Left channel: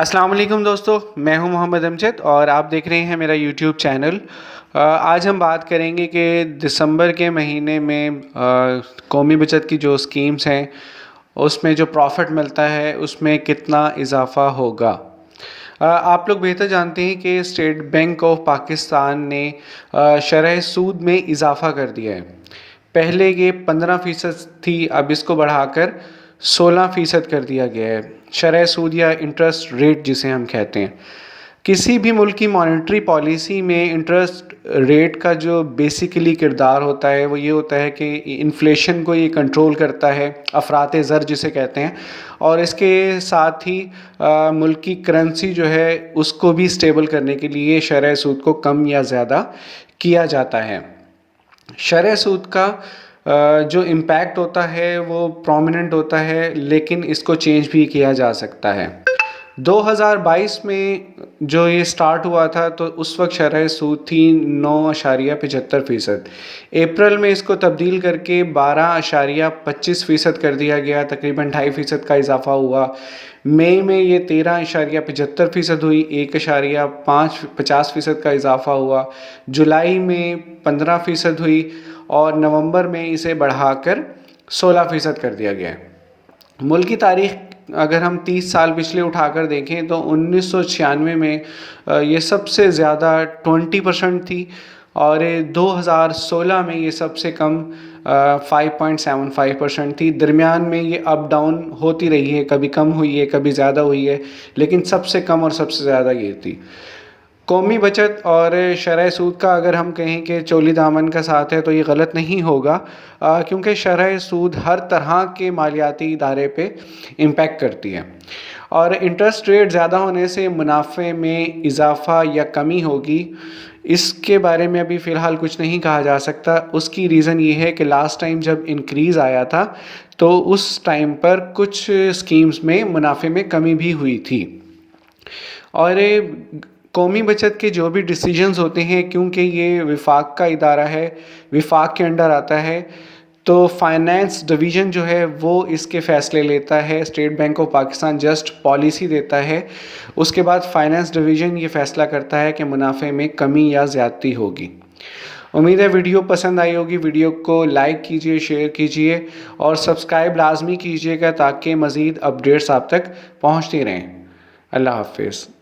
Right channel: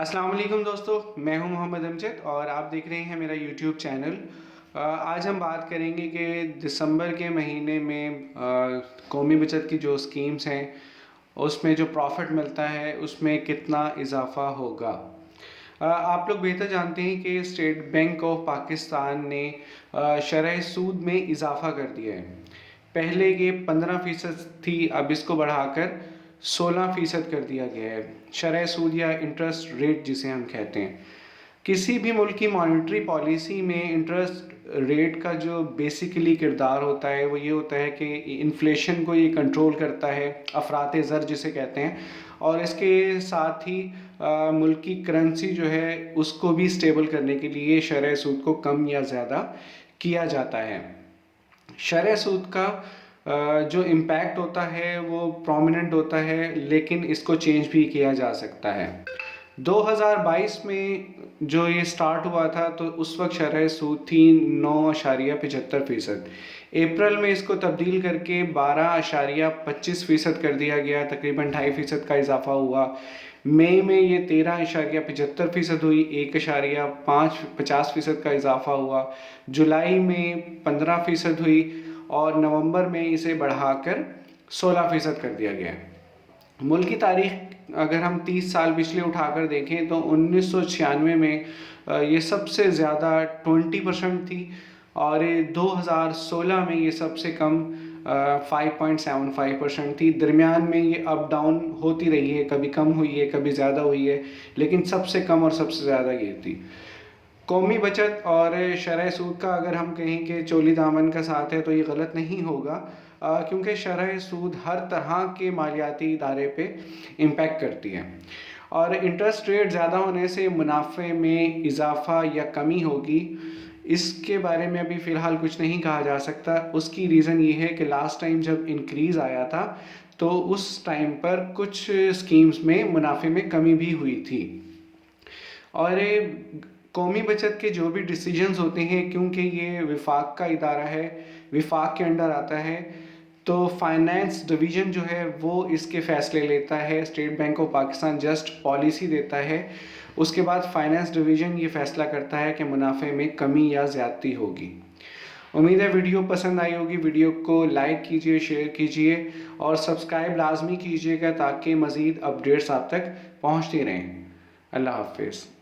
अस्सलाम वालेकुम दोस्तों, मैं हूं मोहम्मद अमजद और आप देख रहे हैं मेरा यूट्यूब चैनल। आज हम बात करेंगे कि दिसंबर के महीने में कौमी बचत की जो स्कीम्स हैं उसमें जो प्रॉफिट मिलता है उसमें कितना इजाफ़ा होगा। आप लोग बेहतर जानते हैं कि स्टेट बैंक ऑफ पाकिस्तान ने शरह सूद में इजाफ़ा कर दिया है। पहले ये 15% थी, अब इसको बढ़ाकर 16% कर दिया गया है। शरह सूद या इंटरेस्ट रेट जिसे हम कहते हैं, किसी भी मुल्क की मॉनेटरी पॉलिसी में इंटरेस्ट रेट का जो बेसिकली किरदार होता है वो ये होता है कि इन्फ्लेशन को ये कंट्रोल करता है, अफरात ज़र जिसे कहते हैं, और इसके साथ ही मुल्क की करेंसी जो है उसको भी स्टेबल करने के लिए शरह सूद को कम या ज़्यादा किया जाता है। शरह सूद का जो इम्पैक्ट होता है वो प्रोमिनेंट होता है, लेकिन इसको चेंज भी किया जा सकता है। 2022 में जो ये स्टार्ट हुआ था तो उस वक्त शरह सूद थी 9.75%। अप्रैल में इसको तब्दील करके 12.25% कर दिया गया, तकरीबन 2.5% का इजाफा हुआ। मई में ये 13.75% हुई, 1.50% का इजाफा हुआ। जुलाई में 15% हुई और नवंबर में इसे बढ़ाकर 16% कर दिया गया है। मुल्क की तारीख अगर हम 30 साल पिछले उठाकर देखें तो 1996 में ये सबसे ज़्यादा 20% थी और 2016 में ये सबसे कम 5.75% थी। दरमियान में ये अप डाउन होती रही है, कभी कम हुई है, कभी ज़्यादा हुई है, लेकिन सबसे कम और सबसे ज़्यादा ये थी। कौमी बचत और शरह सूद का अगर हम कहें कि चोली दामन का साथ है तो ये गलत नहीं होगा, क्योंकि शरह सूद हर तरह के मालियाती इदारे पे इम्पेक्ट करती है और इंटरेस्ट रेट ज़्यादा होने से मुनाफे में इजाफ़ा या कमी होगी, इसके बारे में अभी फ़िलहाल कुछ नहीं कहा जा सकता। उसकी रीज़न ये है कि लास्ट टाइम जब इंक्रीज़ आया था तो उस टाइम पर कुछ स्कीम्स में मुनाफे में कमी भी हुई थी। और कौमी बचत के जो भी डिसीजंस होते हैं, क्योंकि ये विफाक का इदारा है, विफाक के अंडर आता है, तो फाइनेंस डिवीज़न जो है वो इसके फ़ैसले लेता है। State bank of Pakistan just policy देता है, उसके बाद फाइनेंस डिवीज़न ये फ़ैसला करता है कि मुनाफे में कमी या ज़्यादती होगी। उम्मीद है वीडियो पसंद आई होगी। वीडियो को लाइक कीजिए, शेयर कीजिए और सब्सक्राइब लाजमी कीजिएगा ताकि मज़ीद अपडेट्स आप तक पहुँचती रहें। अल्लाह हाफ़िज़।